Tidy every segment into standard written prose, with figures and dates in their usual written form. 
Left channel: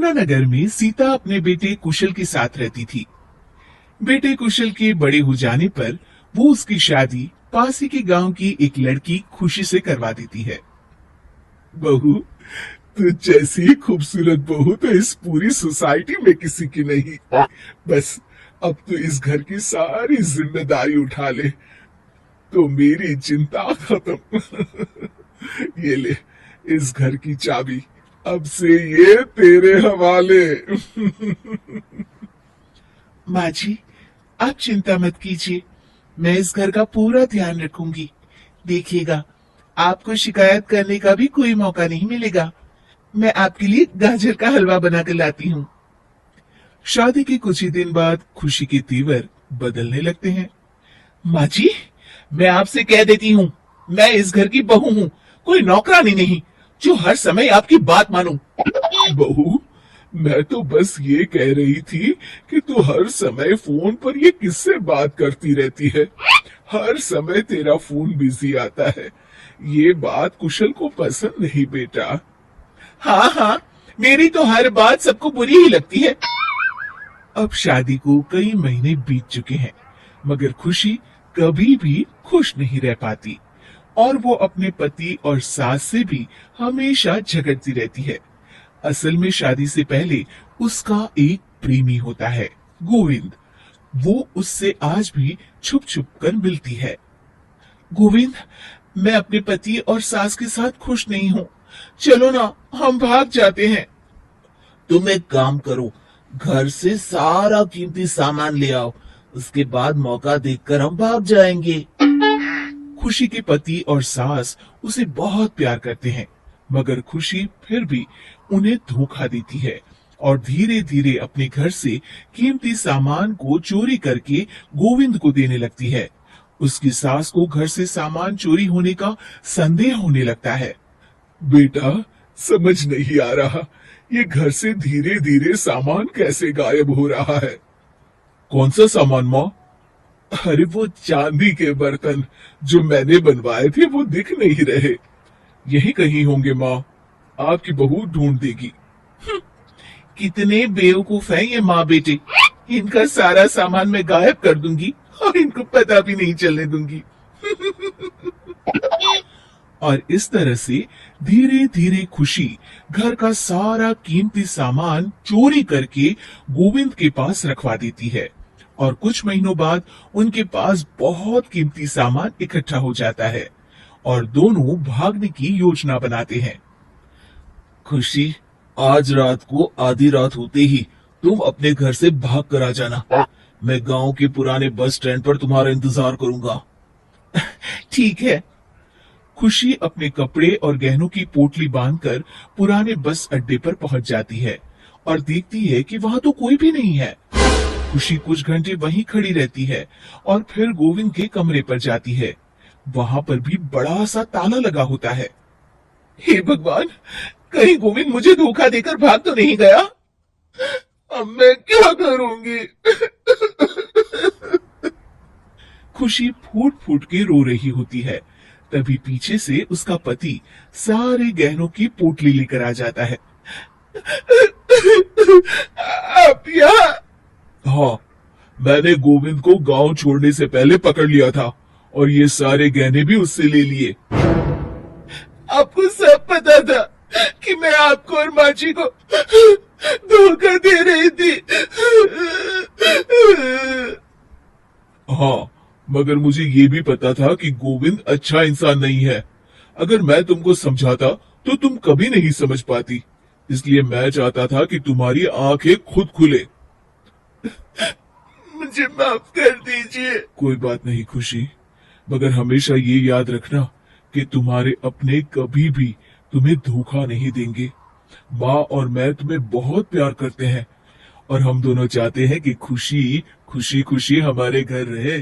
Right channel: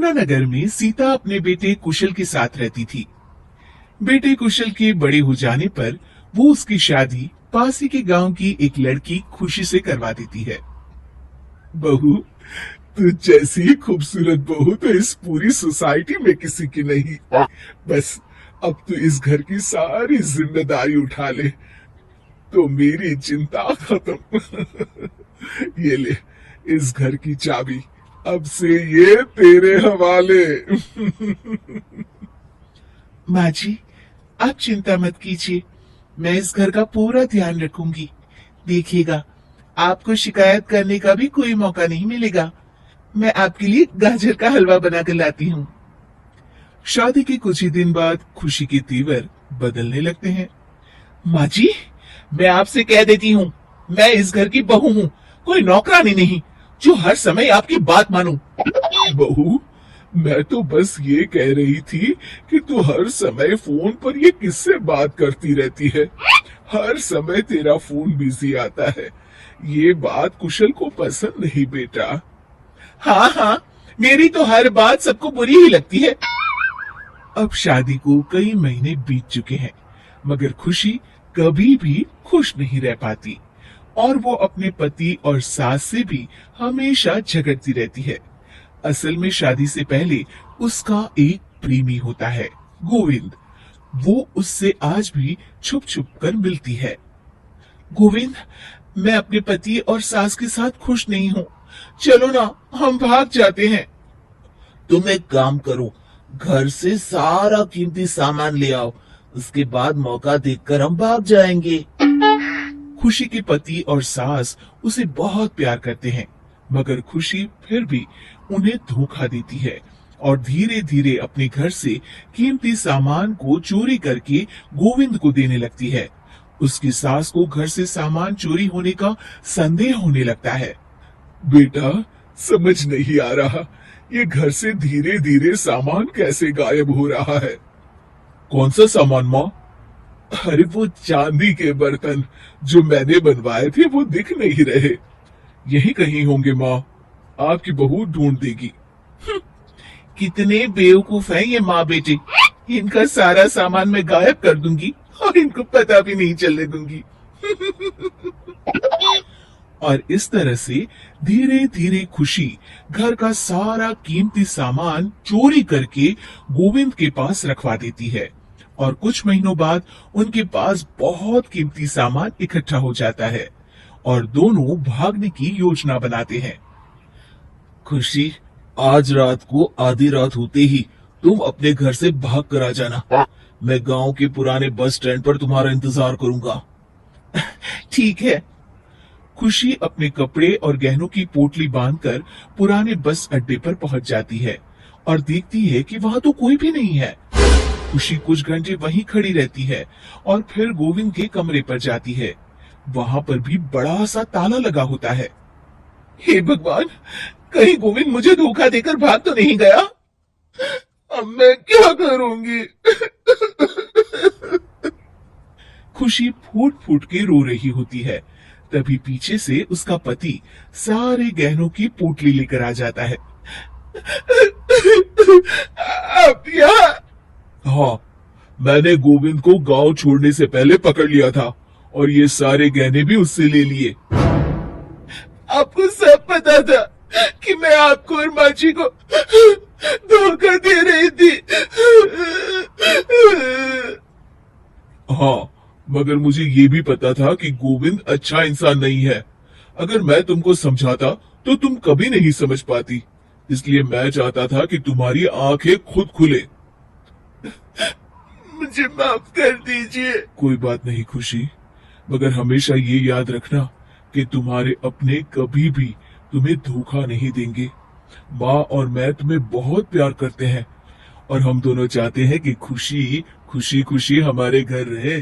यमुना नगर में सीता अपने बेटे कुशल के साथ रहती थी। बेटे कुशल के बड़े हो जाने पर वो उसकी शादी पास ही के गांव की एक लड़की खुशी से करवा देती है। बहू, तू जैसी खूबसूरत बहू तो इस पूरी सोसाइटी में किसी की नहीं। बस अब तो इस घर की सारी जिम्मेदारी उठा ले तो मेरी चिंता खत्म। ये ले, इस घर की चाबी अब से ये तेरे हवाले। माँ जी, आप चिंता मत कीजिए, मैं इस घर का पूरा ध्यान रखूंगी। देखिएगा, आपको शिकायत करने का भी कोई मौका नहीं मिलेगा। मैं आपके लिए गाजर का हलवा बनाकर लाती हूँ। शादी के कुछ ही दिन बाद खुशी के तेवर बदलने लगते हैं। माँ जी, मैं आपसे कह देती हूँ, मैं इस घर की बहू हूँ, कोई नौकरानी नहीं जो हर समय आपकी बात मानूं। बहू, मैं तो बस ये कह रही थी कि तू हर समय फोन पर ये किससे बात करती रहती है। हर समय तेरा फोन बिजी आता है। ये बात कुशल को पसंद नहीं बेटा। हाँ हाँ, मेरी तो हर बात सबको बुरी ही लगती है। अब शादी को कई महीने बीत चुके हैं, मगर खुशी कभी भी खुश नहीं रह पाती और वो अपने पति और सास से भी हमेशा झगड़ती रहती है। असल में शादी से पहले उसका एक प्रेमी होता है, गोविंद। वो उससे आज भी छुप छुप कर मिलती है। गोविंद, मैं अपने पति और सास के साथ खुश नहीं हूँ। चलो ना, हम भाग जाते हैं। तुम एक काम करो, घर से सारा कीमती सामान ले आओ, उसके बाद मौका देखकर हम भाग जाएंगे। खुशी के पति और सास उसे बहुत प्यार करते हैं, मगर खुशी फिर भी उन्हें धोखा देती है और धीरे धीरे अपने घर से कीमती सामान को चोरी करके गोविंद को देने लगती है। उसकी सास को घर से सामान चोरी होने का संदेह होने लगता है। बेटा, समझ नहीं आ रहा, ये घर से धीरे धीरे सामान कैसे गायब हो रहा है। कौन सा सामान माँ? अरे वो चांदी के बर्तन जो मैंने बनवाए थे वो दिख नहीं रहे। यही कहीं होंगे माँ, आपकी बहू ढूंढ देगी। कितने बेवकूफ हैं ये माँ बेटे, इनका सारा सामान मैं गायब कर दूंगी और इनको पता भी नहीं चलने दूंगी। और इस तरह से धीरे धीरे खुशी घर का सारा कीमती सामान चोरी करके गोविंद के पास रखवा देती है और कुछ महीनों बाद उनके पास बहुत कीमती सामान इकट्ठा हो जाता है और दोनों भागने की योजना बनाते हैं। खुशी, आज रात को आधी रात होते ही तुम अपने घर से भाग कर आ जाना। मैं गांव के पुराने बस स्टैंड पर तुम्हारा इंतजार करूंगा। ठीक है। खुशी अपने कपड़े और गहनों की पोटली बांधकर पुराने बस अड्डे पर पहुंच जाती है और देखती है कि वहां तो कोई भी नहीं है। खुशी कुछ घंटे वहीं खड़ी रहती है और फिर गोविंद के कमरे पर जाती है। वहां पर भी बड़ा सा ताला लगा होता है। हे भगवान, कहीं गोविंद मुझे धोखा देकर भाग तो नहीं गया। अब मैं क्या करूंगी। खुशी फूट फूट के रो रही होती है। तभी पीछे से उसका पति सारे गहनों की पोटली लेकर आ जाता है। आप यहाँ? हाँ, मैंने गोविंद को गांव छोड़ने से पहले पकड़ लिया था और ये सारे गहने भी उससे ले लिए। आपको सब पता था कि मैं आपको और माची को धोखा दे रही थी। हाँ, मगर मुझे ये भी पता था कि गोविंद अच्छा इंसान नहीं है। अगर मैं तुमको समझाता तो तुम कभी नहीं समझ पाती। इसलिए मैं चाहता था कि तुम्हारी आंखें खुद खुले। मुझे माफ कर दीजिए। कोई बात नहीं खुशी, मगर हमेशा ये याद रखना कि तुम्हारे अपने कभी भी तुम्हें धोखा नहीं देंगे। माँ और मैं तुम्हें बहुत प्यार करते हैं और हम दोनों चाहते हैं कि खुशी खुशी खुशी हमारे घर रहे।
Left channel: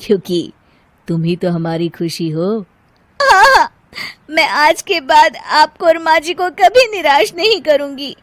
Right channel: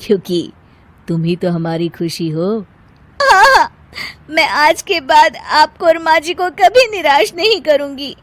क्योंकि तुम ही तो हमारी खुशी हो। हाँ, मैं आज के बाद आपको और माँ जी को कभी निराश नहीं करूंगी।